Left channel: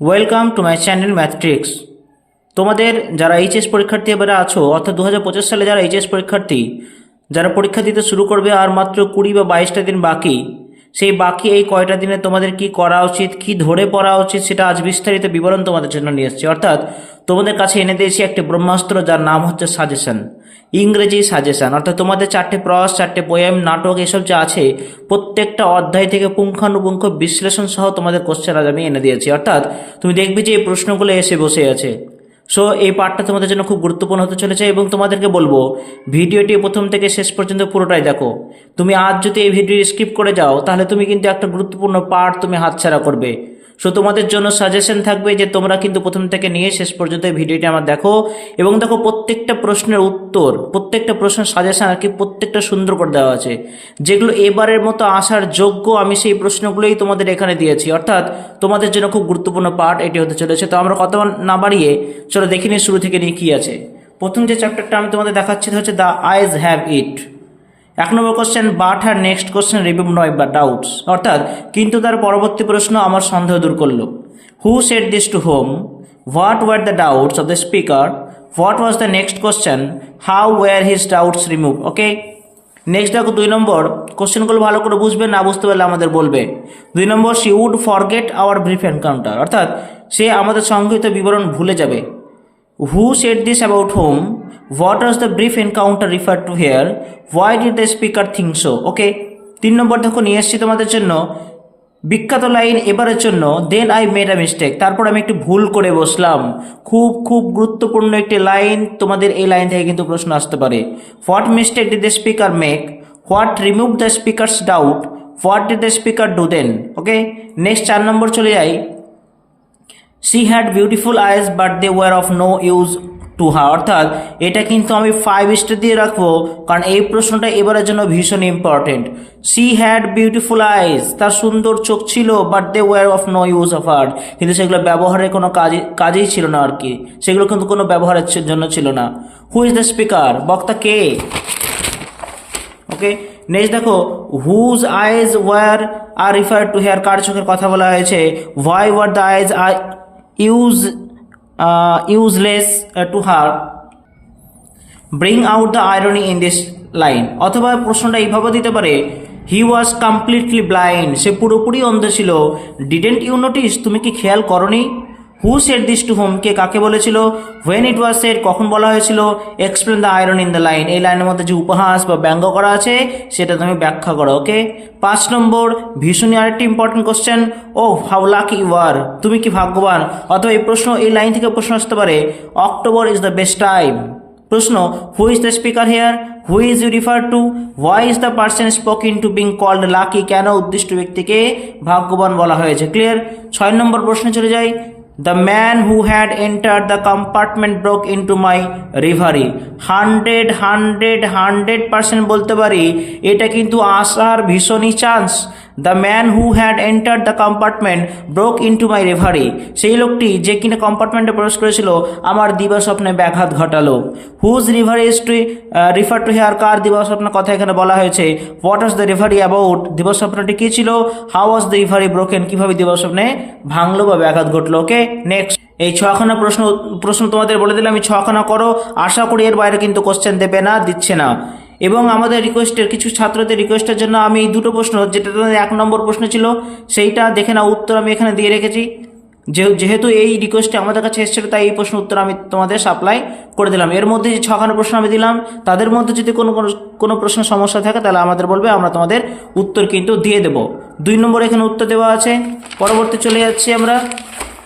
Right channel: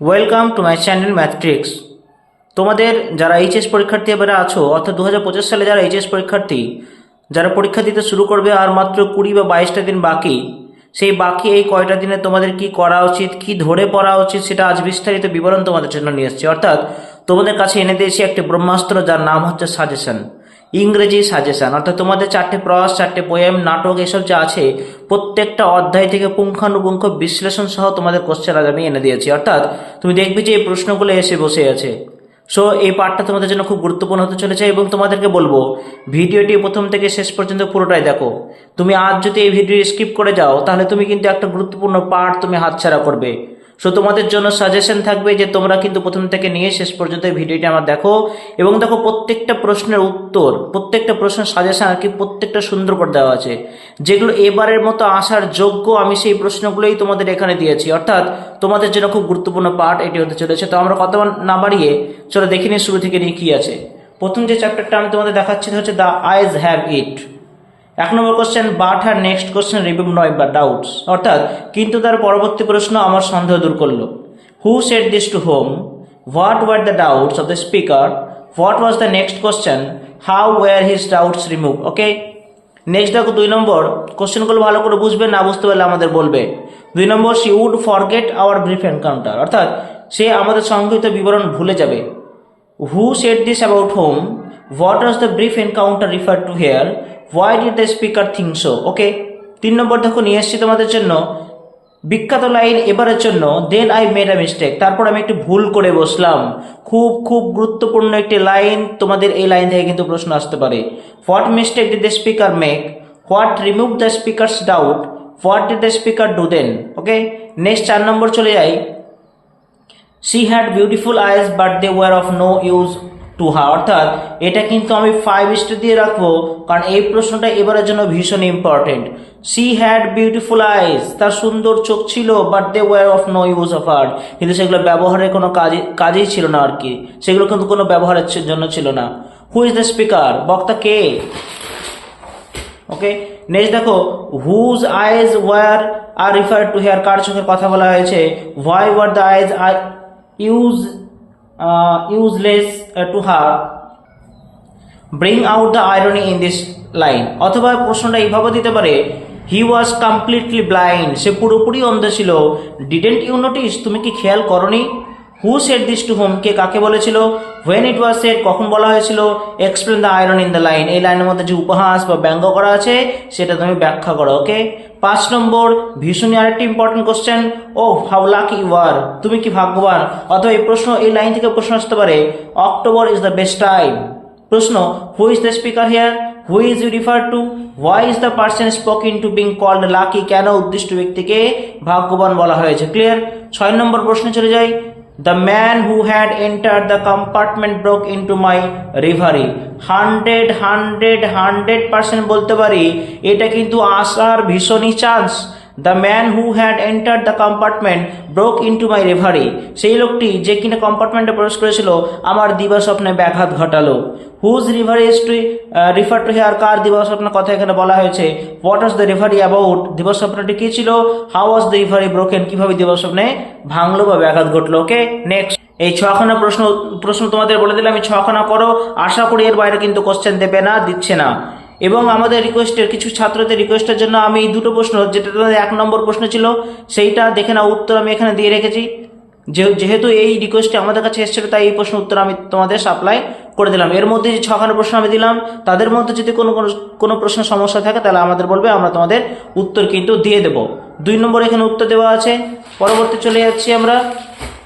Welcome to my channel Mathtrix. তোমাদের যারা HS পরীক্ষার্থী এবারে আছো, অর্থাৎ 2025 সালে যারা এইচএস পরীক্ষার্থী যারা পরীক্ষা দিতে শুরু করবে, আর মাত্র 20 বা 22টা দিন বাকি, সেই বাকি এই কয়টা দিনে তোমাদের কি করা উচিত, কি ধরে পড়া উচিত, সেটা আজ বিস্তারিত বিবরণ তোমাদের জন্য নিয়ে এসেছি। অর্থাৎ তোমাদের কাছে এনে দিয়েছি একটি ব্রহ্মাস্ত্র, যার নাম হচ্ছে সাজেশন, ইংরেজি সাজেশন। অর্থাৎ তোমাদের 4টে প্রয়াস, 4টে পোয়েম, নাটক, এসব যা আছে প্রত্যেকটা অধ্যায় থেকে পুঙ্খানুপুঙ্খ বিশ্লেষণ সহ তোমাদের কোশ্চেন আজ আমি এনে দিয়েছি। অর্থাৎ তুমি দেখবে যে এই প্রশ্নগুলো এসে বসে আছে। সো এই পার্টটা তোমাদের জন্য খুব গুরুত্বপূর্ণ হতে চলেছে, এবং তোমাদেরকে বলবো ভিডিওটি প্রথম থেকে শেষ পর্যন্ত পুরোটাই দেখো। তুমি আজ যদি এই ভিডিও স্কিপ করে যাও, তাহলে তুমি কিন্তু একটা গুরুত্বপূর্ণ পার্ট তুমি হাতছাড়া করবে। সো তোমাদের জন্য সাজেশন থাকবে যে তোমরা কিন্তু প্রথম থেকে নিয়ে শেষ পর্যন্ত এই ভিডিওটি আমার দেখো, এবং দেখো প্রত্যেকটা প্রশ্নের উত্তর, প্রত্যেকটা প্রশ্নের সাজেশন আর কি প্রত্যেকটা সুন্দর করে দেওয়া আছে। যেগুলো এবারের মতো আসার যোগ্য, আমি সেই প্রশ্নগুলোই তোমাদের এখানে দিয়েছি। অর্থাৎ তোমাদের জন্য খুব গুরুত্বপূর্ণ পার্ট এটি হতে চলেছে। তো আমরা কথা না বাড়িয়ে চলো দেখে নিই শুরু থেকে নিয়ে কী আছে। প্রথম যে চ্যাপ্টারটা আমি তোমাদের দেখাচ্ছি হচ্ছে the eyes have it. 1 number question, but হ্যার নেক্সট কোশ্চেন রিমুভ নয় বা ডাউটস। অর্থাৎ কিন্তু তার পরবর্তী প্রশ্ন আমার সন্দেহ দূর করলো। Who said this to whom, what were the doubts of the speaker, what was the next question, how were his doubts remove. Okay, next দেখো 2 নম্বর কোশ্চেনগুলো ভালো করে বুঝবে, না বুঝতে পারলে আমাদের বলবে। 2 নম্বর, she would forget our brief encounter. অর্থাৎ সে আমাদের সংক্ষিপ্ত বিবরণ ভুলে যাবে। Who said this about whom, what was the brief encounter refer to here, why did the speaker think so. Okay, 3 নম্বর দেখো নিয়ে এসছি তোমাদের জন্য বিখ্যাত লাইন এবারের জন্য, then I made a mistake. তারপর আমি একটি ভুল করে বসলাম। খুব খুব গুরুত্বপূর্ণ একটি লাইন, তোমাদের এই লাইন থেকে কিন্তু প্রশ্ন আসতে পারে। What mistake did the speaker make, what remove the speaker's doubt, what did the speaker do then. Okay, next 4 নম্বর চলে যাই। She had beautiful eyes but they were of no use to her. অর্থাৎ এটা কিন্তু আমি 5 star দিয়ে রাখবো, কারণ এই প্রশ্নটা এবারের জন্য ভীষণ important. She had beautiful eyes, তার সুন্দর চোখ ছিল, but they were of no use of her, কিন্তু সেগুলো ব্যবহারের কোনো কাজেই ছিল না আর কি, সেগুলো কিন্তু কোনো ব্যবহারের জন্য ছিল না। হু ইজ দ্য স্পিকার, বক্তা কে। ওকে, নেক্সট দেখো, whose eyes were are refer to here, কার চোখের কথা বলা হয়েছে। Why were the eyes are useless to her, bring out the irony in this line। অথবা প্রশ্নটা এইভাবে দিতে পারে, হি ওয়াজ কমপ্লিটলি ব্লাইন্ড, সে পুরোপুরি অন্ধ ছিল। ডিডেন্ট ইউ নোটিস, তুমি কি খেয়াল করনি। Who said this to whom, কে কাকে বলেছিল। হোয়েন ইট ওয়াজ সেড, কখন বলা হয়েছিল। Explain the irony in the line, এই লাইনের মধ্যে যে উপহাস বা ব্যঙ্গ করা আছে সেটা তুমি ব্যাখ্যা করো। ওকে, 5 নম্বর ভীষণই আরেকটি important question, oh how lucky you are, তুমি কি ভাগ্যবান। অথবা এই প্রশ্ন, এই লাইন থেকে প্রশ্ন আসতে পারে, October is the best time. প্রশ্ন, who is the speaker here, who is you refer to, why is the person spoken to being called lucky, কেন উদ্দিষ্ট ব্যক্তিকে ভাগ্যবান বলা হয়েছে। ক্লিয়ার। 6 নম্বর প্রশ্নে চলে যাই। The man who had entered the compartment broke into my reverie। 100% বলতে পারি, এটা কিন্তু আসার ভীষণই chance. The man who had entered the compartment broke into my reverie, সেই লোকটি যে কিনা কম্পার্টমেন্টে প্রবেশ করেছিল আমার দিবা স্বপ্নে ব্যাঘাত ঘটালো। Whose reverie is to refer to here, কার দিবা স্বপ্নের কথা এখানে বলা হয়েছে। What was the reverie about, দিবা স্বপ্নটি কী ছিল। How was the reverie broken, কীভাবে দিবা স্বপ্নে ভাঙলো বা ব্যাঘাত ঘটলো। ওকে, নেক্সট এই 6খানা প্রশ্ন তোমাদের বলে দিলে, আমি 6খানা করো। আশা করি এর বাইরে কিন্তু কোশ্চেন দেবে না, দিচ্ছে না। এবং আমাদের রিকোয়েস্টের, কিছু ছাত্রদের রিকোয়েস্টের জন্য আমি এই 2টো প্রশ্ন, যেটা 1 নম্বর প্রশ্ন ছিল সেইটা দেখে না, উত্তর আমি এখানে দিয়ে রেখেছি। যেহেতু এই রিকোয়েস্টটা আমাদের কাছে এসেছিল, তাই এই প্রশ্ন উত্তর আমি তোমাদের সাপ্লাই করে দিলাম। এর মধ্যে যে 6খানা প্রশ্ন আমি দিলাম, তাদের মধ্যে যদি কোনো প্রশ্ন সমস্যা থাকে তাহলে আমাদের বলবে, আমরা তোমাদের উত্তর কিন্তু দিয়ে দেব। 2 নম্বর এখানে উত্তর দেওয়া আছে। পরবর্তী চলে যাচ্ছি আমরা।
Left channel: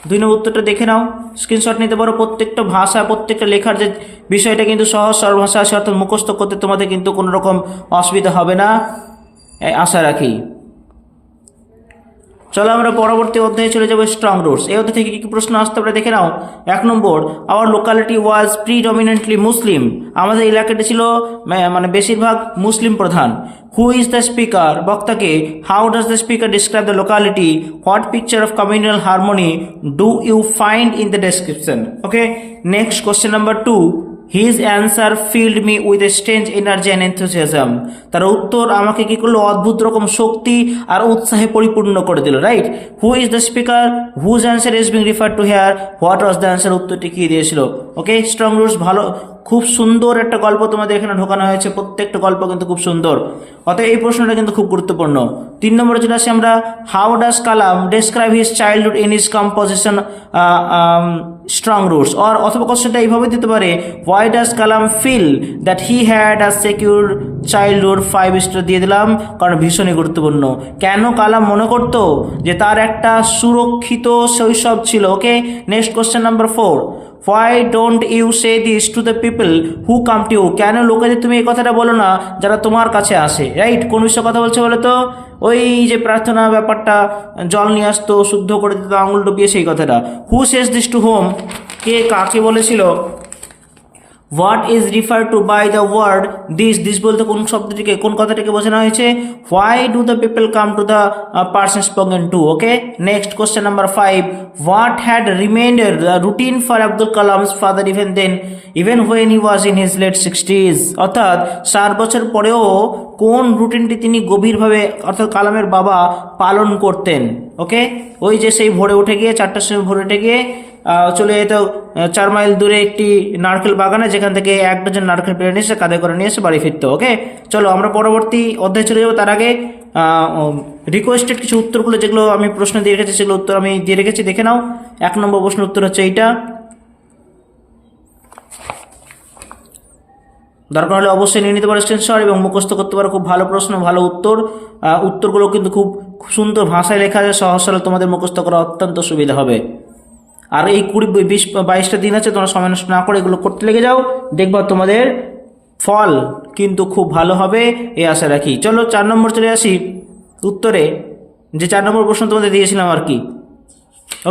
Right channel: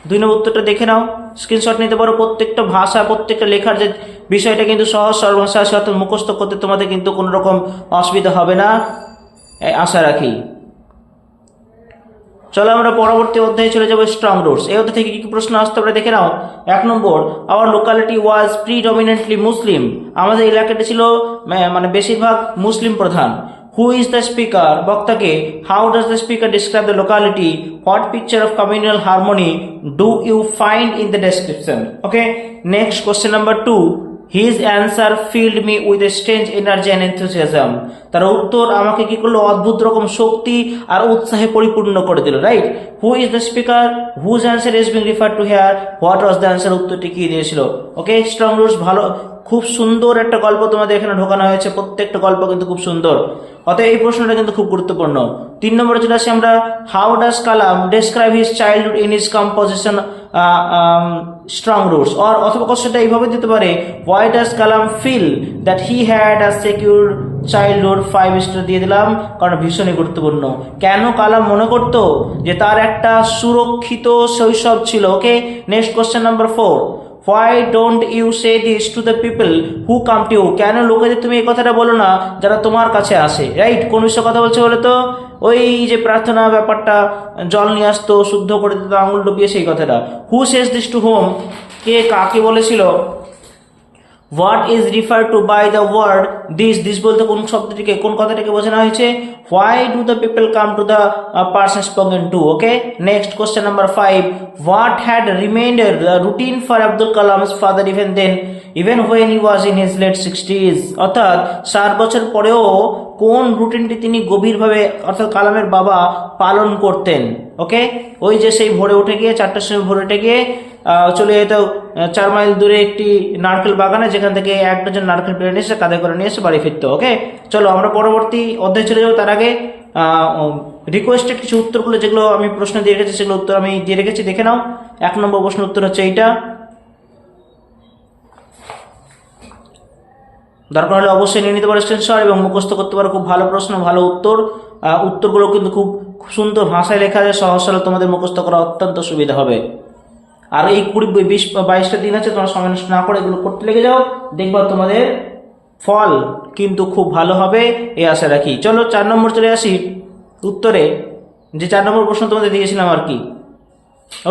2 নম্বর উত্তরটা দেখে নাও, স্ক্রিনশট নিতে পারো। প্রত্যেকটা ভাষা, প্রত্যেকটা লেখার যে বিষয়টা কিন্তু সহজ সরল ভাষা আছে, অর্থাৎ মুখস্থ করতে তোমাদের কিন্তু কোনো রকম অসুবিধা হবে না, আশা রাখি। চলো আমরা পরবর্তী অধ্যায়ে চলে যাবো, স্ট্রং রুটস। এই অধ্যায় থেকে কী কী প্রশ্ন আসতে পারে দেখে নাও। 1 নম্বর, our locality was predominantly Muslim, আমাদের এলাকাটি ছিল মানে বেশিরভাগ মুসলিম প্রধান। হু ইজ দ্য স্পিকার, বক্তাকে। How does the speaker describe the locality, what picture of communal harmony do you find in the description. Okay, next question number 2, his answer filled me with a strange energy and enthusiasm. তার উত্তর আমাকে কি করলো, অদ্ভুত রকম শক্তি আর উৎসাহে পরিপূর্ণ করে দিল, right. Who is the speaker, whose answer is being refer to here, what was the answer, উত্তরটি কি দিয়েছিল। ওকে, স্ট্রং রুটস ভালো, খুব সুন্দর একটা গল্প তোমাদের এখানে ঢোকানো হয়েছে, প্রত্যেকটা গল্প কিন্তু খুব সুন্দর। অতএব এই প্রশ্নটা কিন্তু খুব গুরুত্বপূর্ণ। 3 নম্বরে চলে আসি আমরা, how does Kalam describe his childhood in his composition strong roots, অথবা কোশ্চেনটা এইভাবে দিতে পারে, why does Kalam feel that he had a secure childhood, 5 star দিয়ে দিলাম, কারণ ভীষণই গুরুত্বপূর্ণ। কেন কালাম মনে করতো যে তার একটা সুরক্ষিত শৈশব ছিল। Okay, next question number 4, why don't you say this to the people who come to you, কেন লোকেদের তুমি এই কথাটা বলো না যারা তোমার কাছে আসে, রাইট। কোন বিষয়ে কথা বলছে বলো তো, ওই যে প্রার্থনা ব্যাপারটা, জল নিয়ে আসতো, শুদ্ধ করে দিত, আঙুল ডুবিয়ে, সেই কথাটা। Who says this to whom, কে কাকে বলেছিল। What is refer to by the word this, this বলতে কোন শব্দটিকে, কোন কথাটাকে বোঝানো হয়েছে। Why do the people come to the person spoken to. Okay, next question number 5, what had remained the routine for Abdul Kalam's father even when he was in his late 60s, অর্থাৎ 60 বছর পরেও কোন রুটিনটি তিনি গভীরভাবে, অর্থাৎ কালামের বাবা পালন করতেন। ওকে, ওই যে সেই ভোরে উঠে গিয়ে 4টার সময় ভোরে উঠে গিয়ে চলে যেত 4 মাইল দূরে একটি নারকেল বাগানে, যেখান থেকে 1 ডজন নারকেল পেড়ে নিয়ে এসে কাঁধে করে নিয়ে এসে বাড়ি ফিরতো। ওকে, চলো আমরা পরবর্তী অধ্যায় চলে যাবো। তার আগে রিকোয়েস্টেড কিছু উত্তরগুলো, যেগুলো আমি প্রশ্ন দিয়ে রেখেছি, সেগুলো উত্তর আমি দিয়ে রেখেছি, দেখে নাও। 1 নম্বর প্রশ্নের উত্তর হচ্ছে এইটা, দরকার হলে অবশ্যই নিয়ে নিতে পারো স্ক্রিনশট এবং মুখস্থ করতে পারো। খুব ভালো প্রশ্ন, ভালো উত্তর, উত্তরগুলো কিন্তু খুব সুন্দর ভাষায় লেখা যায়, সহজ সরল, তোমাদের মুখস্থ করা অত্যন্ত সুবিধা হবে। আর এই 20-22টা দিন আছে, তোমরা সময় নষ্ট না করে এগুলো করতে লেগে যাও, দেখবা তোমাদের ফল কিন্তু খুব ভালো হবে, এই আশা রাখি। চলো 4 নম্বর চলে আসি উত্তরে, যে 4 নম্বর প্রশ্ন তোমাদের দিয়েছিলাম আর কি।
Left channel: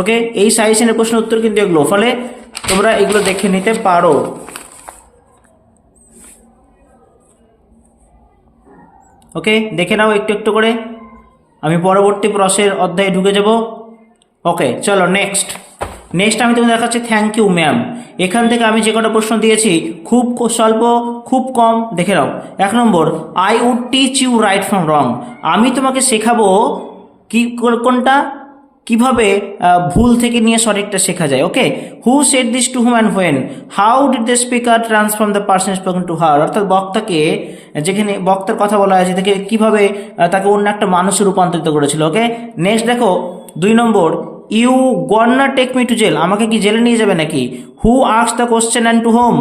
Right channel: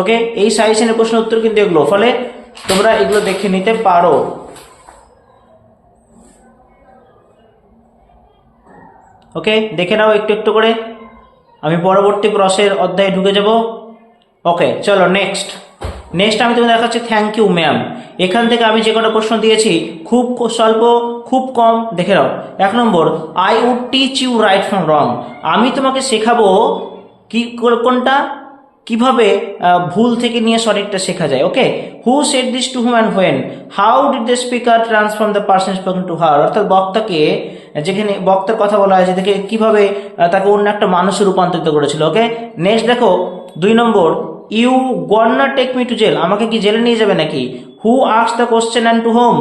ওকে, এই সাজেশনের প্রশ্ন উত্তর কিন্তু এগুলো, ফলে তোমরা এগুলো দেখে নিতে পারো। ওকে, দেখে নাও একটু একটু করে, আমি পরবর্তী প্রশ্নের অধ্যায়ে ঢুকে যাব। ওকে, চলো নেক্সট আমি তোমাকে দেখাচ্ছি থ্যাংক ইউ ম্যাম। এখান থেকে আমি যে কটা প্রশ্ন দিয়েছি খুব স্বল্প, খুব কম, দেখে নাও। 1 নম্বর, I would teach you right from wrong, আমি তোমাকে শেখাবো কি কোনটা, কিভাবে ভুল থেকে নিয়ে সঠিকটা শেখা যায়। Okay, who said this to whom and when, how did the speaker transform the person spoken to her, অর্থাৎ বক্তাকে, যেখানে বক্তার কথা বলা হয়েছে, দেখে কিভাবে তাকে অন্য একটা মানুষে রূপান্তরিত করেছিল। ওকে, নেক্সট দেখো 2 নম্বর, you gonna take me to jail, আমাকে কি জেলে নিয়ে যাবে নাকি। Who asked the question and to whom,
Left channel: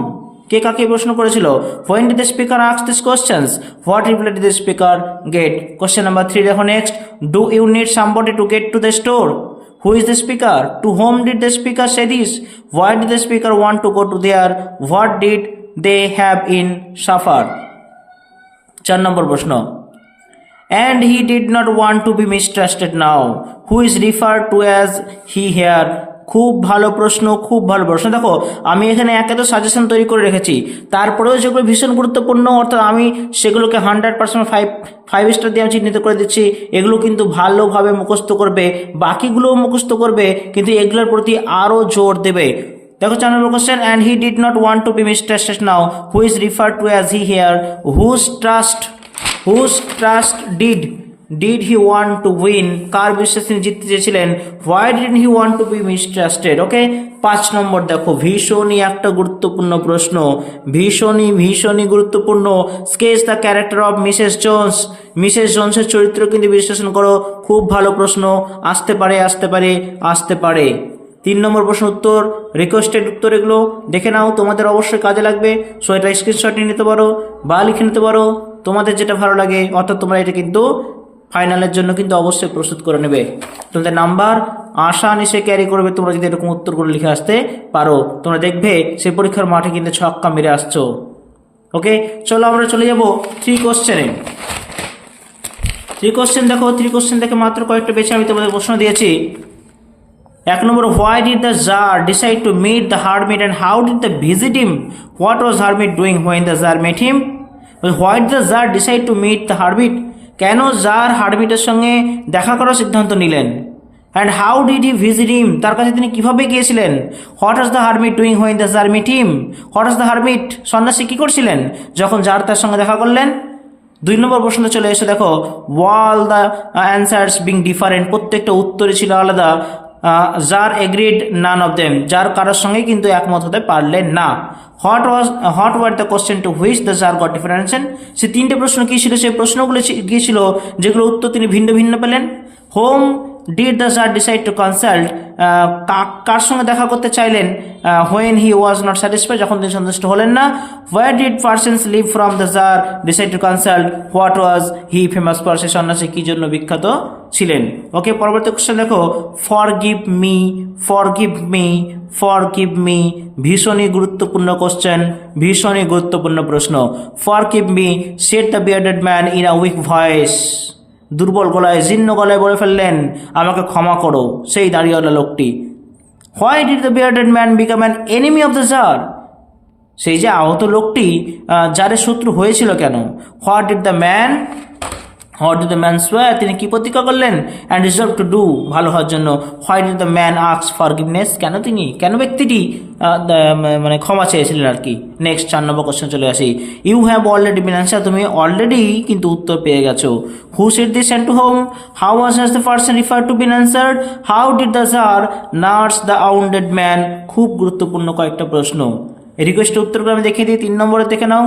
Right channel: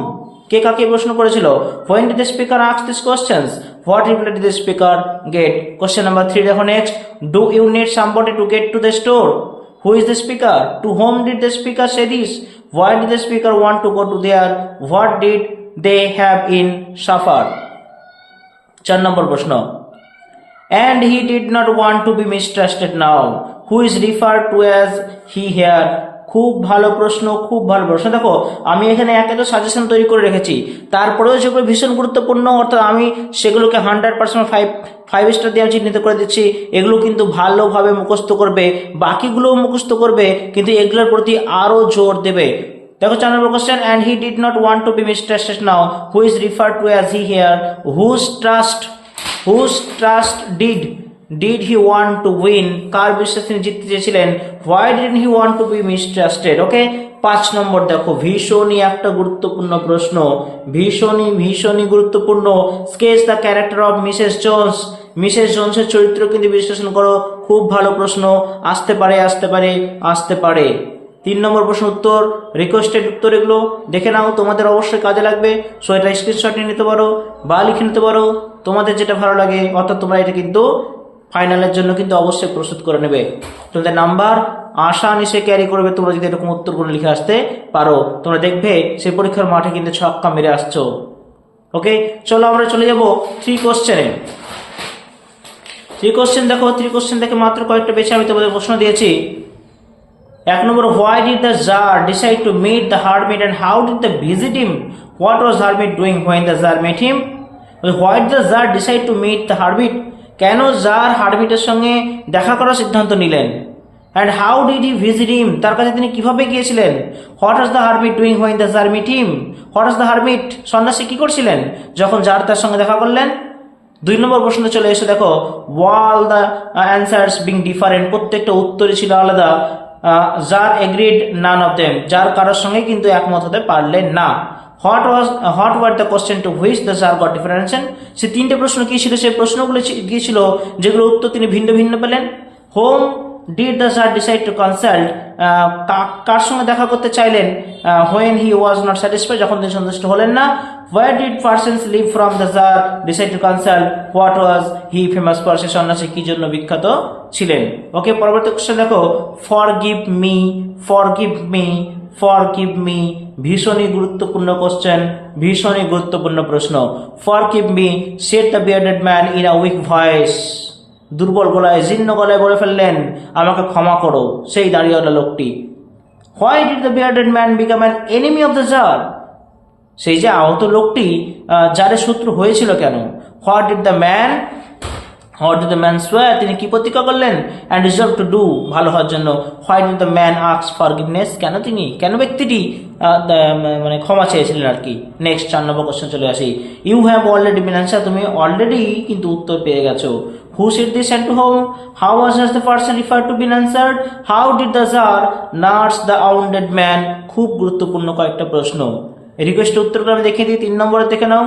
কে কাকে প্রশ্ন করেছিল। When did the speaker ask this questions, what reply did the speaker get. Question number 3 দেখো next, do you need somebody to get to the store, who is the speaker, to whom did the speaker say this, why did the speaker want to go to there, what did they have in suffer. 4 নম্বর প্রশ্ন, and he did not want to be mistrusted now, who is referred to as he here। খুব ভালো প্রশ্ন, খুব ভালো প্রশ্ন। দেখো আমি এখানে একাধিক সাজেশন তৈরি করে রেখেছি, তারপরেও যেগুলো ভীষণ গুরুত্বপূর্ণ, অর্থাৎ আমি সেগুলোকে 100% 5 স্টার দিয়ে আমি চিহ্নিত করে দিচ্ছি। এগুলো কিন্তু ভালোভাবে মুখস্থ করবে, বাকিগুলোও মুখস্থ করবে, কিন্তু এগুলোর প্রতি আরও জোর দেবে। দেখো 4 নম্বর question, and he did not want to be mistrusted now, who is referred to as he here, whose trust did he want to win, কার বিশ্বাস তিনি জিততে চেয়েছিলেন, why didn't he want to be mistrusted। ওকে, 5 নম্বর দেখো ভীষণই একটা গুরুত্বপূর্ণ প্রশ্ন, ভীষণই গুরুত্বপূর্ণ। Sketch the character of Mrs জোনসের চরিত্র কিন্তু বিশ্লেষণ করো, খুব ভালো প্রশ্ন, আসতে পারে। 3 নম্বর প্রশ্ন উত্তর, রিকোয়েস্টেড উত্তর, এগুলো দেখে নাও, তোমাদের অবশ্যই কাজে লাগবে। সো এটা স্ক্রিনশট নিয়ে নিতে পারো বা লিখে নিতে পারো, তোমাদের যেটা ভালো লাগে, অর্থাৎ তোমরা এটা কিন্তু ফাইনালের জন্য কিন্তু অবশ্যই প্রস্তুত করে নেবে। তোমাদের নাম্বার আশা-নিশে ক্যারি করবে তোমরা যদি এরকম উত্তরগুলো লিখে আসতে পারো। তোমরা দেখবে সেই পরীক্ষার মাঠে কিন্তু ছক্কা মেরে আসছো। ওকে, চলো আমরা চলে যাব 3 কোশ্চেনে। 3 কোশ্চেন দেখো, 3 কোশ্চেন দেখে মাত্র কয়েকটা বেছে আমি তোমাদের প্রশ্ন দিয়েছি। 1 নম্বর, why did the Tsar decide to meet the hermit and how did they visit him? What was hermit doing when the Tsar met him? Why did the Tsar decide to meet the hermit? কেন tsar হারমিটের সঙ্গে দেখা করার সিদ্ধান্ত নিলেন, and how did he visit him, তার কাছে তিনি কিভাবে গিয়েছিলেন। What was the hermit doing when the tsar meet him, what was the hermit, সন্ন্যাসী কি করছিলেন যখন জার তার সঙ্গে দেখা করলেন। 2 নম্বর প্রশ্ন চলে এসে দেখো, all the answers being different, প্রত্যেকটা উত্তরই ছিল আলাদা। Tsar agreed none of them, যার কারোর সঙ্গে কিন্তু একমত হতে পারলেন না। What were the question to which the tsar got different answer, সে 3টে প্রশ্ন কি ছিল, সেই প্রশ্নগুলো গিয়েছিল যেগুলো উত্তর তিনি ভিন্ন ভিন্ন পেলেন। Whom did the tsar decide to consult, কার সঙ্গে দেখা করতে চাইলেন when he was not satisfied, যখন তিনি সন্তুষ্ট হলেন না। Where did persons live from the tsar decide to consult, what was he famous for, সে সন্ন্যাসী কি জন্য বিখ্যাত ছিলেন। ওকে, পরবর্তী কোশ্চেন দেখো, forgive me, forgive me, forgive me, ভীষণই গুরুত্বপূর্ণ কোশ্চেন, ভীষণই গুরুত্বপূর্ণ প্রশ্ন। Forgive me said the bearded man in a week voice, দুর্বল গলায়, জীর্ণ গলায় বলে ফেললেন, আমাকে ক্ষমা করো, সেই দাঁড়িয়েওয়ালা লোকটি। Why did the bearded man become an enemy of the tsar, সেই যে আহত লোকটি জারের শত্রু হয়েছিল কেন। হোয়াট ডিড দ্য ম্যান সোয়ার, তিনি কি প্রতিজ্ঞা করলেন। অ্যান্ড রিজলভ টু ডু, ভালো হওয়ার জন্য। Why did the man ask forgiveness, কেন ব্যক্তিটি মানে ক্ষমা চেয়েছিলেন আর কি। নেক্সট 4 নম্বর কোশ্চেন চলে আসি। You have already been answer, তুমি অলরেডি কিন্তু উত্তর পেয়ে গেছো। Who said this and to whom, how was the person refer to been answered, how did the tsar nurse the wounded man. খুব গুরুত্বপূর্ণ কয়েকটা প্রশ্ন, রিকোয়েস্টের উত্তরগুলো আমি দেখিয়ে দিই। 3 নম্বরে দেখে নাও।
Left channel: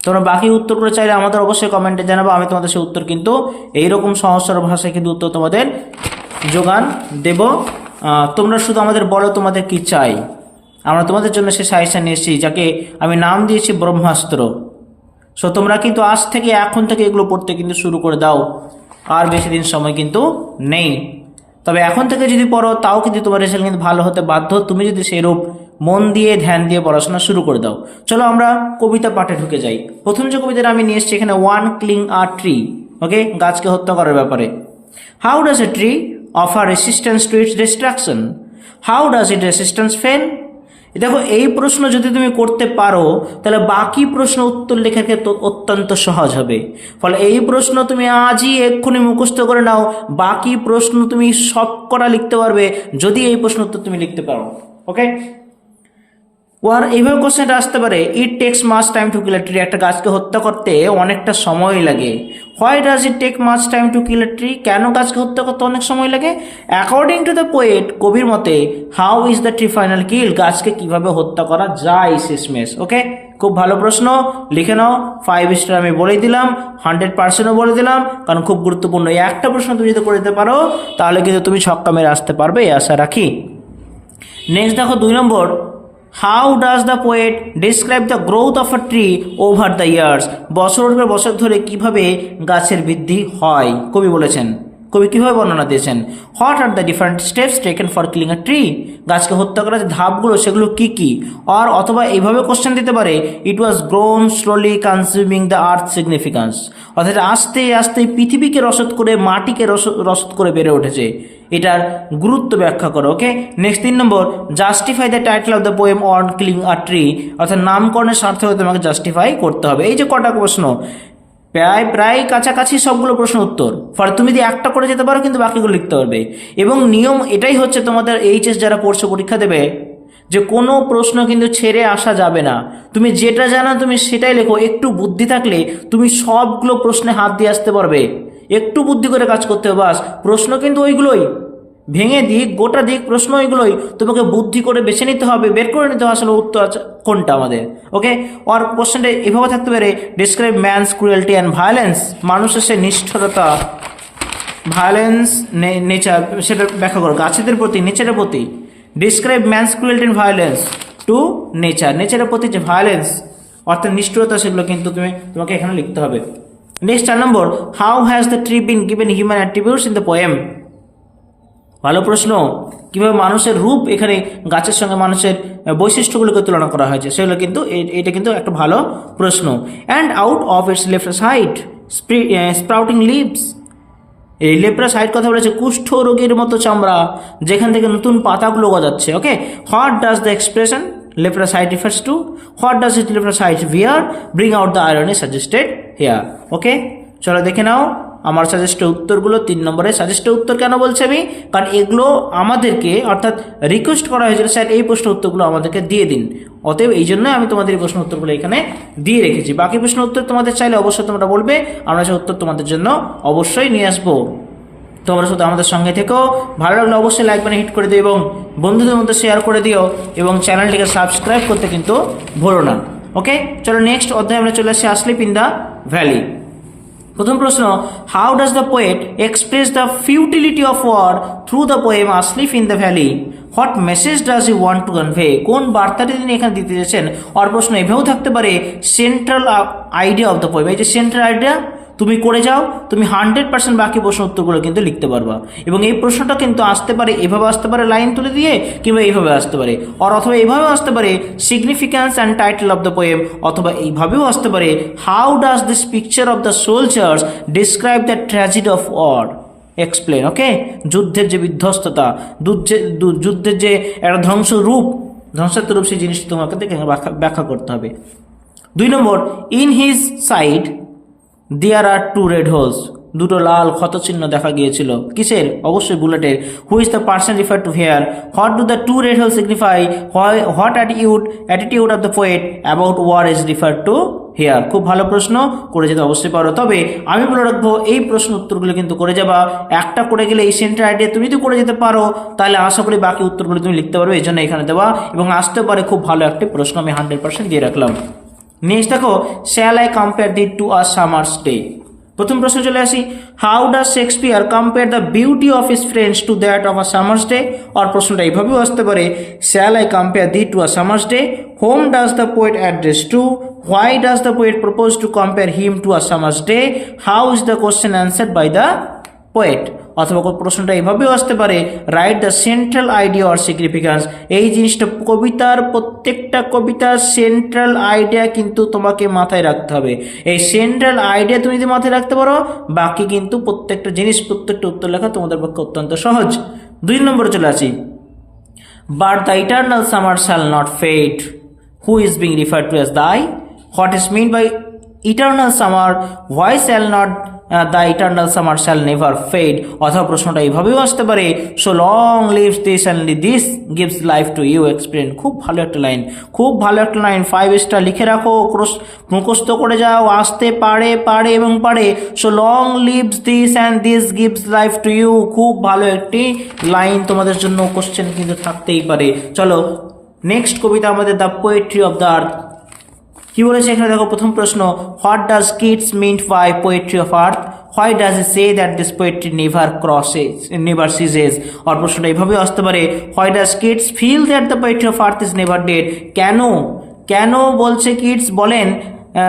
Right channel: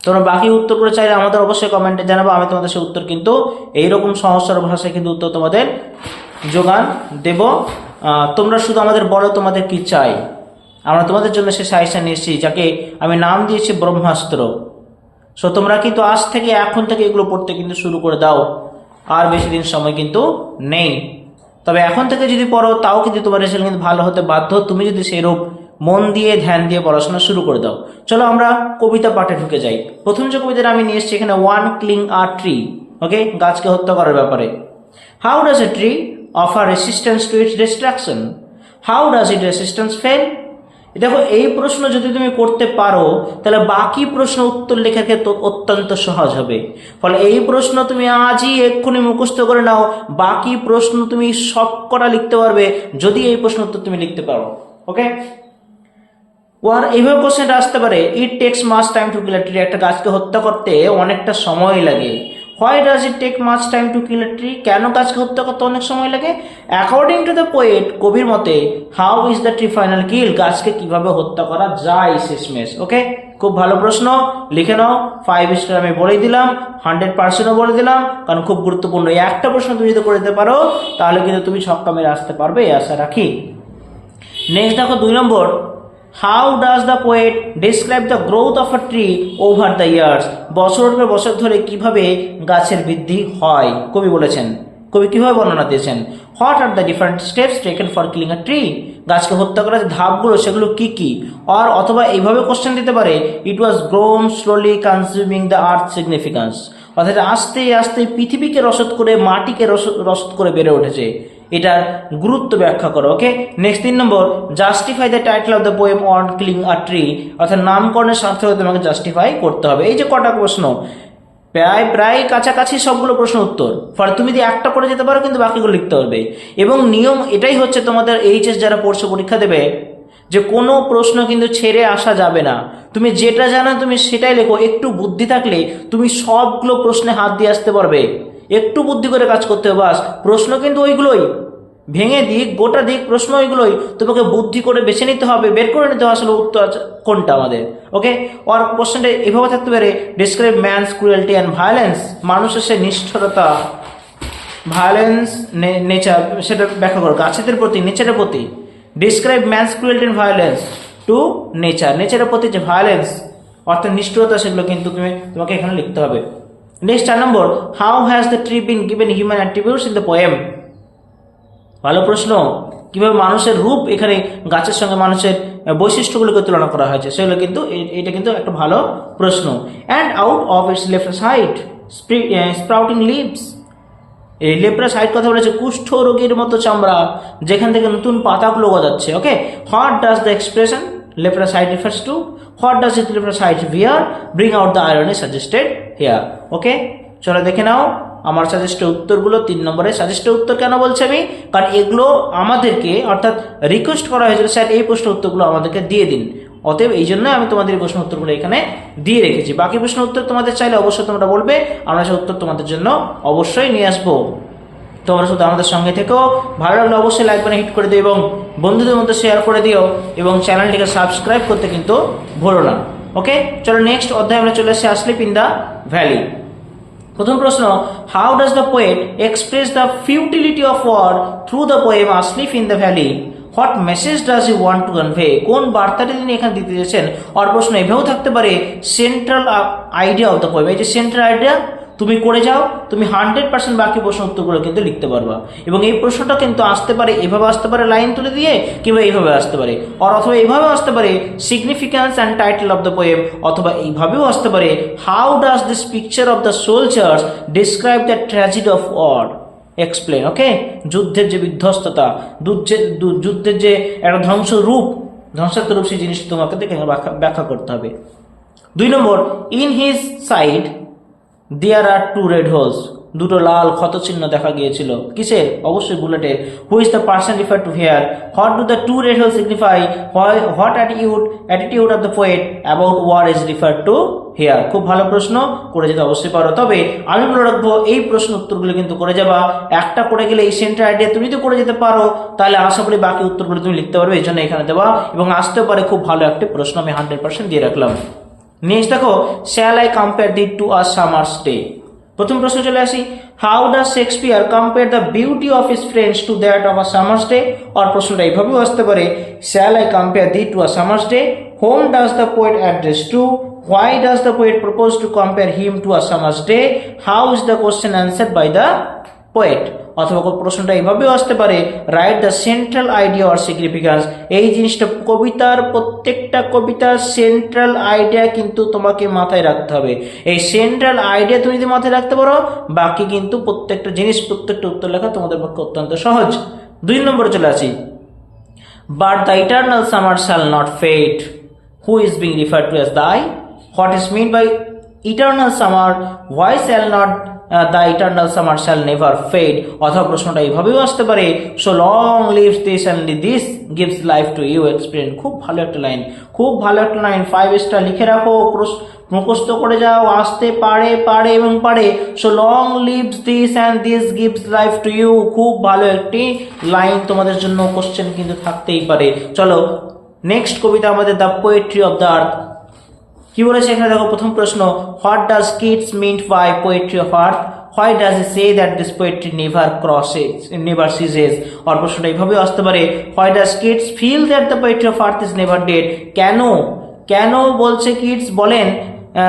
তোমরা বাকি উত্তরগুলো চাইলে আমাদের অবশ্যই কমেন্টে জানাবো, আমি তোমাদের সেই উত্তর কিন্তু এইরকম সমস্যার ভাষায় কিন্তু উত্তর তোমাদের যোগান দেব। তোমরা শুধু আমাদের বলো তোমাদের কি চাই, আমরা তোমাদের জন্য সে সাজেশন নিয়ে এসেছি, যাকে আমি নাম দিয়েছি ব্রহ্মাস্ত্র। সো তোমরা কিন্তু আজ থেকে, এখন থেকে এগুলো পড়তে কিন্তু শুরু করে দাও, আর বেশি দিন সময় কিন্তু নেই। তবে এখন থেকে যদি পড়ো তাও কিন্তু তোমার রেজাল্ট কিন্তু ভালো হতে বাধ্য, তুমি যদি সেরূপ মন দিয়ে ধ্যান দিয়ে পড়াশোনা শুরু করে দাও। চলো আমরা কবিতা পাঠে ঢুকে যাই। প্রথম যে কবিতাটা আমি নিয়ে এসেছি এখানে, ওয়ান ক্লিং আ ট্রি, ওকে, গাছকে হত্যা করার ব্যাপারে। How does a tree offer resistance to its destruction, how does it resistance fail. দেখো, এই প্রশ্ন যদি তুমি করতে পারো তাহলে বাকি প্রশ্ন উত্তর লেখার ক্ষেত্রে অত্যন্ত সহজ হবে। ফলে এই প্রশ্ন তুমি আজই এক্ষুনি মুখস্থ করে নাও, বাকি প্রশ্ন তুমি সব করা লিখতে পারবে যদি এই প্রশ্ন উত্তর তুমি লিখতে পারো। ওকে, ওর এইভাবে কোশ্চেনটা আসতে পারে, it takes much time to kill a tree, একটা গাছকে হত্যা করতে অনেকটা সময় লাগে। Why does it take much time to kill a tree, কেন গাছকে হত্যা করতে অনেক সময় লাগে। অ্যাকর্ডিং টু দ্য পোয়েট, কবির মতে, how is the tree final kill, গাছকে কিভাবে হত্যা করা যায় শেষমেশ। ওকে, খুব ভালো প্রশ্ন, লিখে নাও। 5 স্টার আমি বলে দিলাম, 100%ও বলে দিলাম, কারণ খুব গুরুত্বপূর্ণ। এই একটা প্রশ্ন তুমি যদি করে দিতে পারো তাহলে কিন্তু তুমি ছক্কা মেরে আসতে পারবে, এই আশা রাখি। নেক্সট দেখো 2 নম্বর, how does the poet describe the growth of a tree over the years, বছরের পর বছর ধরে কিভাবে গাছের বৃদ্ধি হয় কবি বলেছেন, কবি কিভাবে বর্ণনা দিয়েছেন। What are the different steps taken for killing a tree, গাছকে হত্যা করার যে ধাপগুলো সেগুলো কি কি। আর অথবা এইভাবে কোশ্চেন দিতে পারে, it was grown slowly consuming the earth significance, অর্থাৎ আস্তে আস্তে পৃথিবীকে রসদ করে, মাটিকে রসদ করে বেড়ে উঠেছে, এটার গুরুত্ব ব্যাখ্যা করো। ওকে, নেক্সট 3 নম্বর, justify the title of the poem on killing a tree, অর্থাৎ নামকরণের সার্থক তোমাকে জাস্টিফাই করতে হবে। এই যে কটা প্রশ্ন, প্রায় কাছাকাছি সবগুলো প্রশ্ন উত্তর। ফলে তুমি যদি একটা করে যেতে পারো কিন্তু বাকিগুলো লিখতে পারবে। এবং নিয়ম এটাই হচ্ছে, তোমাদের এইচএস যারা পড়ছো, পরীক্ষা দেবে, যে কোনো প্রশ্ন কিন্তু ছেড়ে আসা যাবে না। তুমি যেটা জানো তুমি সেটাই লেখো, একটু বুদ্ধি থাকলে তুমি সবগুলো প্রশ্নে হাত দিয়ে আসতে পারবে। একটু বুদ্ধি করে কাজ করতে হবে, বাস। প্রশ্ন কিন্তু ওইগুলোই, ভেঙে দিক গোটা দিক প্রশ্ন ওইগুলোই, তোমাকে বুদ্ধি করে বেছে নিতে হবে, বের করে নিতে হবে আসলে উত্তর কোনটা আমাদের। ওকে, আর কোশ্চেনটা এভাবে থাকতে পারে, describe man's cruelty and violence, মানুষের সে নিষ্ঠুরতা, ভায়োলেন্স নেচার, সেটা ব্যাখ্যা করো, গাছেদের প্রতি, নেচারের প্রতি। Describe man's cruelty and violence two nature, নেচারের প্রতি যে ভায়োলেন্স অর্থাৎ নিষ্ঠুরতা, সেগুলো কিন্তু তোমাকে এখানে লিখতে হবে। Next 4 number, how has the tree been given human attributes in the poem, ভালো প্রশ্ন। কিভাবে মানুষের রূপ এখানে গাছের সঙ্গে মানুষের বৈশিষ্ট্যগুলোকে তুলনা করা হয়েছে, সেগুলো কিন্তু এটা কিন্তু একটা ভালো প্রশ্ন। And out of its leprous hide sprouting leaves, এই লেপ্রাস হাইট কথা বলেছে, কুষ্ঠ রোগের মতো চামড়া যেখান থেকে নতুন পাতাগুলো গজাচ্ছে। Okay, what does the expression leprous hide refers to, what does it leprous hide here bring out the irony suggested here. Okay, চলো দেখে নাও আমার সাজেস্টের উত্তরগুলো। 3 নম্বরে সাজেস্টের উত্তর কেন বলছি আমি, কারণ এগুলো আমাদেরকে অর্থাৎ রিকোয়েস্ট করা হয়েছিল স্যার এই প্রশ্ন উত্তরগুলো আমাদেরকে দিয়ে দিন, অতএব এই জন্য আমি তোমাদের এই প্রশ্ন উত্তরগুলো এখানে দিয়ে রেখেছি। বাকি প্রশ্ন উত্তর তোমাদের চাইলে অবশ্যই তোমরা বলবে, আমরা সেই উত্তর তোমাদের জন্য অবশ্যই নিয়ে আসবো। তোমরা শুধু আমাদের সঙ্গে থেকেও, ভালো লাগলে অবশ্যই লাইক বাটন হিট করে দিও এবং বন্ধুদের মধ্যে শেয়ার করে দিও এবং চ্যানেলটিকে সাবস্ক্রাইব করতে কিন্তু ভুলো না। ওকে, চলো নেক্সট অধ্যায়ে আমরা চলে আসছি আসলিপ ইন দ্য ভ্যালি। প্রথম প্রশ্ন, how does the poet express the futility of war through the poem asleep in the valley? What message does he want to convey? কোন বার্তাটি তিনি এখানে দিতে চাইছেন? আর প্রশ্ন এভাবেও থাকতে পারে, central idea of the poem, এই যে সেন্ট্রাল আইডিয়া তুমি করে যাও, তুমি 100% বাকি প্রশ্ন উত্তরগুলো কিন্তু লিখতে পারবা। এবং এই প্রশ্নটা কিন্তু আসতে পারে, এভাবে আসতে পারে লাইন তুলে দিয়ে, কিংবা এইভাবে আসতে পারে, অথবা এইভাবেও আসতে পারে significance and title of the poem, অথবা এইভাবেও আসতে পারে how does this picture of the soldiers describe the tragedy of war? Explain. Okay, যুদ্ধের যে বিধ্বস্ততা, যুদ্ধের যে একটা ধ্বংসাত্মক রূপ, সেই জিনিসটা তোমাকে ব্যাখ্যা করতে হবে। 2 নম্বর, in his side there are 2 red holes, দুটো লাল ক্ষতচিহ্ন দেখা গিয়েছিল। কিসের? অবশ্যই বুলেটের। Who is the person refer to here? What do the 2 red holes সিগনিফাই? What attitude of the poet about war is refer to here? খুব ভালো প্রশ্ন, করে যেতে অবশ্যই পারো। তবে আমি বলে রাখবো, এই প্রশ্ন উত্তরগুলো কিন্তু করে যাবা, একটা করে গেলে এই সেন্টার আইডিয়া তুমি তো করে যেতে পারো, তাহলে আশা করি বাকি উত্তরগুলো তুমি লিখতে পারবে, এই জন্য এখানে দেওয়া। এবং আসতে পারে খুব ভালো একটি প্রশ্ন, আমি 100% দিয়ে রাখলাম। নেক্সট দেখো, shall I compare thee to a summer's day? প্রথম প্রশ্ন চলে আসি, how does Shakespeare compare the beauty of his friends to that of a summer's day? আর প্রশ্নটা এইভাবেও আসতে পারে, shall I compare thee to a summer's day? Whom does the poet address to? Why does the poet propose to compare him to a summer's day? How is the question answered by the poet? অথবা প্রশ্নটা এইভাবেও আসতে পারে, write the central idea or significance? এই জিনিসটা প্রত্যেকটা কবিতার central idea কিন্তু তোমাকে মাথায় রাখতে হবে। এই সেন্ট্রাল আইডিয়া তুমি যদি মাথায় রাখতে পারো, বাকি কিন্তু প্রত্যেকটা উত্তর লেখা তোমাদের পক্ষে অত্যন্ত সহজ। 2 নম্বরে চলে আসি, but the eternal summer shall not fade, who is being referred to as the eye? What is mean by eternal summer? Why shall not the eternal summer shall never fade? অথবা প্রশ্নটা এইভাবেও আসতে পারে, so long lives this and this gives life to you. Explain. খুব ভালো একটা line, 5 star লিখে রাখো, মুখস্থ করে যাও, আসতে পারে এবং পারে। So long lives this and this gives life to you, খুব ভালো একটি লাইন, তোমাদের জন্য কোশ্চেন কিন্তু থাকতেই পারে। চলো নেক্সট কবিতা আমাদের the poetry of the earth. কি বলেছে এখানে দেখো, প্রথম প্রশ্ন, what does Keats meant by poetry of earth? Why does he say that this poetry never ceases? আর প্রশ্নটা এইভাবেও আসতে পারে, why does Keats feel that the poetry of earth is never dead? কেন বলছে কিটস বলেন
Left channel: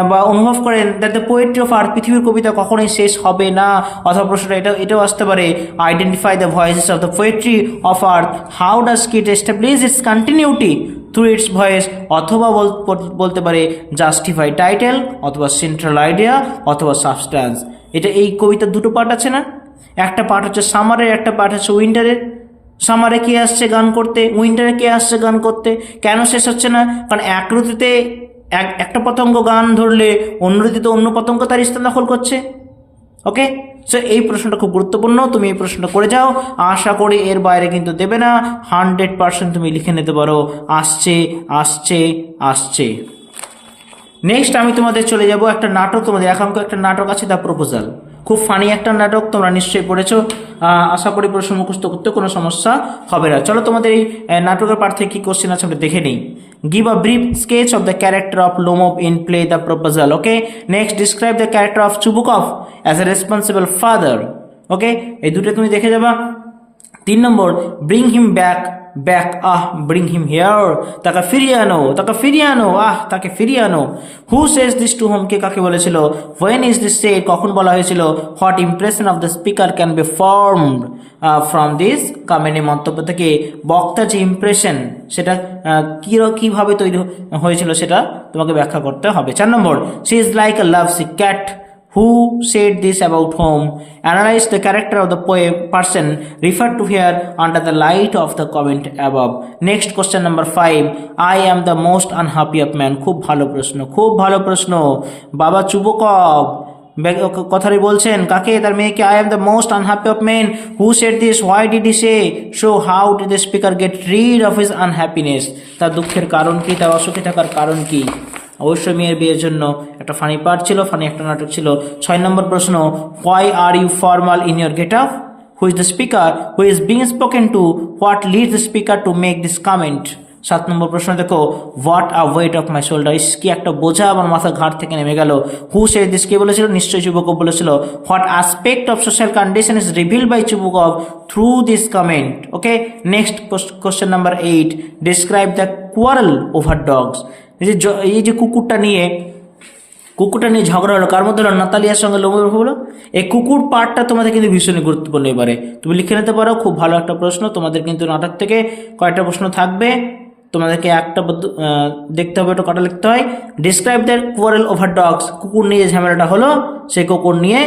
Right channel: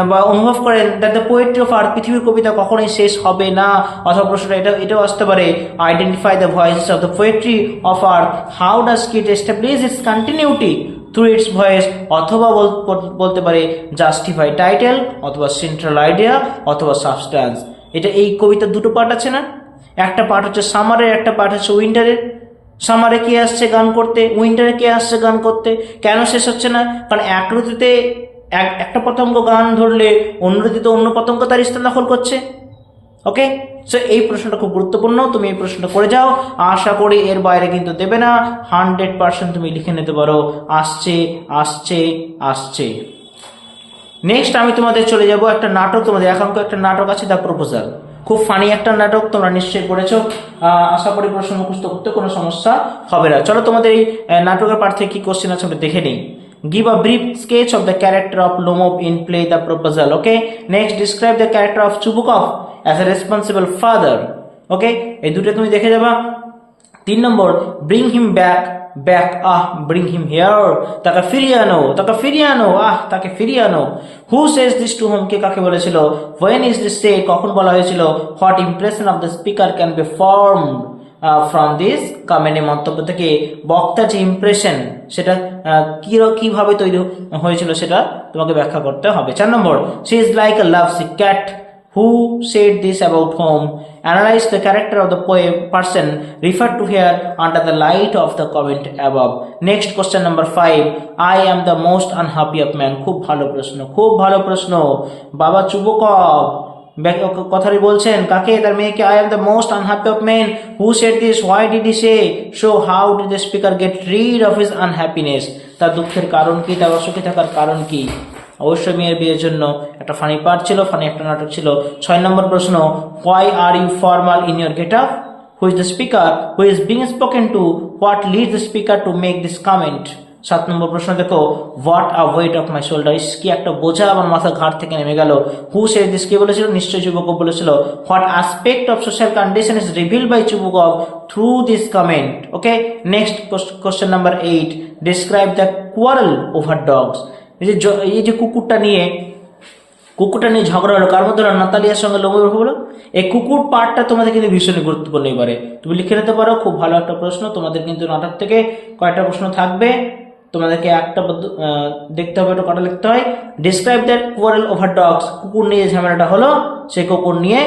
বা অনুভব করেন that the poetry of earth, পৃথিবীর কবিতা কখনোই শেষ হবে না? অথবা প্রশ্নটা এটাও আসতে পারে, identify the voices of the poetry of earth, how does kit establish it's continuity through it's voice? অথবা বলতে পারে জাস্টিফাই টাইটেল, অথবা সেন্ট্রাল আইডিয়া, অথবা সাবস্ট্যান্স। এই কবিতার 2টো পার্ট আছে না? একটা পার্ট হচ্ছে সামারের, একটা পার্ট হচ্ছে উইন্টারের। সামারে কে আসছে গান করতে, উইন্টারে কে আসছে গান করতে? কেন শেষ হচ্ছে না? কারণ এক ঋতুতে একটা পতঙ্গ গান ধরলে অন্য ঋতুতে অন্য পতঙ্গ তার স্থান দখল করছে। ওকে, সো এই প্রশ্নটা খুব গুরুত্বপূর্ণ, তুমি এই প্রশ্নটা করে যাও, আশা করি এর বাইরে কিন্তু দেবে না, 100% তুমি লিখে নিতে পারো। আসছে। নেক্সট আমি তোমাদের চলে যাব একটা নাটক, তোমাদের একাঙ্ক একটা নাটক আছে, দ্য প্রপোজাল। খুব ফানি একটা নাটক, তোমরা নিশ্চয়ই পড়েছো, আশা করি প্রশ্ন মুখস্থ করতে কোনো সমস্যা হবে না। চলো তোমাদের এই নাটকের পাঠ থেকে কি কোশ্চেন আছে আমরা দেখে নিই। Give a brief sketch of the character of Lomov in play The Proposal. Okay. Next, describe the character of Chubukov as a responsible father. Okay. এই দুটো তুমি দেখে যাবা। 3 নম্বর, bring him back, bring him here. তাকে ফিরিয়ে আনো, তাকে ফিরিয়ে আনো। Who says this to whom? কে কাকে বলেছিল? When is this said? কখন বলা হয়েছিল? What impression of the speaker can be formed from this comment? মন্তব্য থেকে বক্তার যে ইমপ্রেশন সেটা কিভাবে তৈরি হয়েছিল সেটা তোমাকে ব্যাখ্যা করতে হবে। 4 number, she is like a lovesick cat, who said this about whom? Analyse the character of the person refer to here under the light of the comment above. Next question number 5, I am the most unhappy of man. খুব ভালো প্রশ্ন। বাবা চুবকভ কথাটি বলছেন কাকে? তার মেয়েকে। I am the most unhappy of men who said this, why did he say so, how did the speaker get rid of his unhappiness? তার দুঃখের কারণ কি, তার অসুখী থাকার কারণ কি? অবশ্যই মেয়ের বিয়ের জন্য একটা ফানি পার্ট ছিল, ফানি একটা নাটক ছিল। 6 নম্বর প্রশ্ন, why are you formal in your get up? Who is the speaker who is being spoken to? What leads the speaker to make this comment? 7 নম্বর প্রশ্ন দেখো, what a weight of my shoulder, কি একটা বোঝা আমার মাথার ঘাট থেকে নেমে গেল। হু সেড দিস, কে বলেছিল? নিশ্চয়ই চুবুকভ বলেছিল। What aspect of social condition is reveal by Chubukov through this comment? Okay, next question number 8, describe the quarrel over dogs. এই যে কুকুরটা নিয়ে ঝগড়া হলো, কার মধ্যে হলো? নাতালিয়ার সঙ্গে লোমোর হলো। এই কুকুর পার্টটা তোমাদের কিন্তু ভীষণই গুরুত্বপূর্ণ। এবারে তুমি লিখে নিতে পারো, খুব ভালো একটা প্রশ্ন। তোমাদের কিন্তু নাটক থেকে কয়টা প্রশ্ন থাকবে, তোমাদেরকে একটা দেখতে হবে, এটা কটা লিখতে হয়। Describe the quarrel over dogs, কুকুর নিয়ে ঝামেলাটা হলো, সেই কুকুর নিয়ে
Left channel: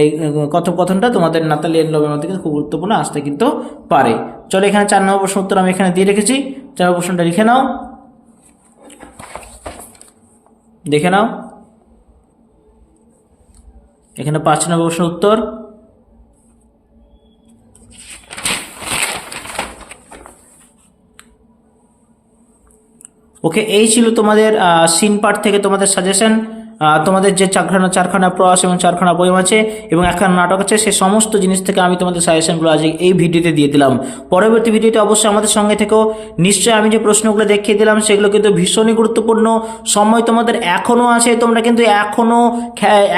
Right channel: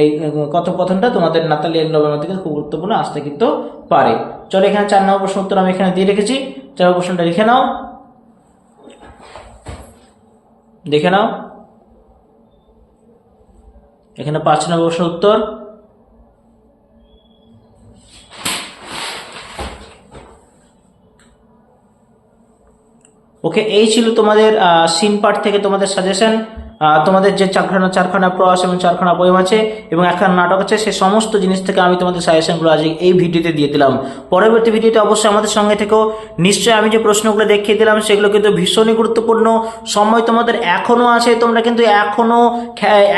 এই কথোপকথনটা তোমাদের নাতালিয়ার লোমের মধ্যে কিন্তু খুব গুরুত্বপূর্ণ আসতে কিন্তু পারে। চলো, এখানে 4 নম্বর প্রশ্ন উত্তর আমি এখানে দিয়ে রেখেছি। 4 নম্বর প্রশ্নটা লিখে নাও, দেখে নাও। এখানে 5 নম্বর প্রশ্ন উত্তর। ওকে, এই ছিল তোমাদের সিন পার্ট থেকে তোমাদের সাজেশন। তোমাদের যে চারখানা প্রয়াস এবং 4খানা পোয়েম আছে এবং 1খানা নাটক আছে, সে সমস্ত জিনিস থেকে আমি তোমাদের সাজেশনগুলো আজ এই ভিডিওতে দিয়ে দিলাম। পরবর্তী ভিডিওতে অবশ্যই আমাদের সঙ্গে থেকেও। নিশ্চয়ই আমি যে প্রশ্নগুলো দেখিয়ে দিলাম সেগুলো কিন্তু ভীষণই গুরুত্বপূর্ণ। সময় তোমাদের এখনও আছে, তোমরা কিন্তু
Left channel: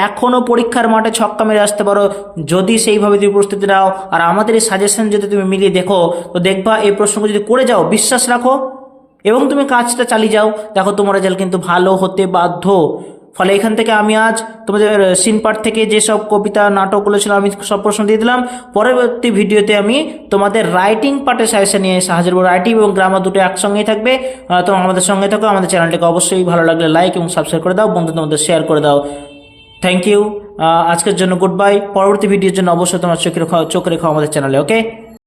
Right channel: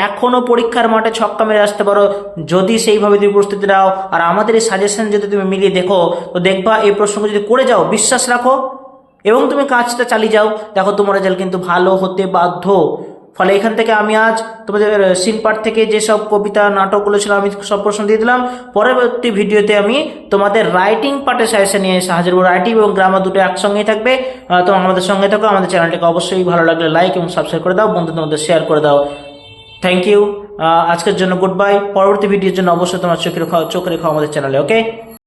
এখনো পরীক্ষার মাঠে ছক্কা মেরে আসতে পারো যদি সেইভাবে তুমি প্রস্তুতি নাও। আর আমাদের এই সাজেশন যদি তুমি মিলিয়ে দেখো, তো দেখবা এই প্রশ্নগুলো যদি করে যাও, বিশ্বাস রাখো এবং তুমি কাজটা চালিয়ে যাও, দেখো তোমার রেজাল্ট কিন্তু ভালো হতে বাধ্য। ফলে এখান থেকে আমি আজ তোমাদের সিন পার্ট থেকে যেসব কবিতা নাটকগুলো ছিল আমি সব প্রশ্ন দিয়ে দিলাম। পরবর্তী ভিডিওতে আমি তোমাদের রাইটিং পার্টের সাজেশন নিয়ে হাজির হবো। রাইটিং এবং গ্রামার দুটো একসঙ্গেই থাকবে। তো আমাদের সঙ্গে থাকো। আমাদের চ্যানেলটাকে অবশ্যই ভালো লাগলে লাইক এবং সাবস্ক্রাইব করে দাও, বন্ধুদের মধ্যে শেয়ার করে দাও। Thank you. আজকের জন্য গুড বাই। পরবর্তী ভিডিওর জন্য অবশ্যই তোমার চোখে রেখো আমাদের চ্যানেলে। ওকে।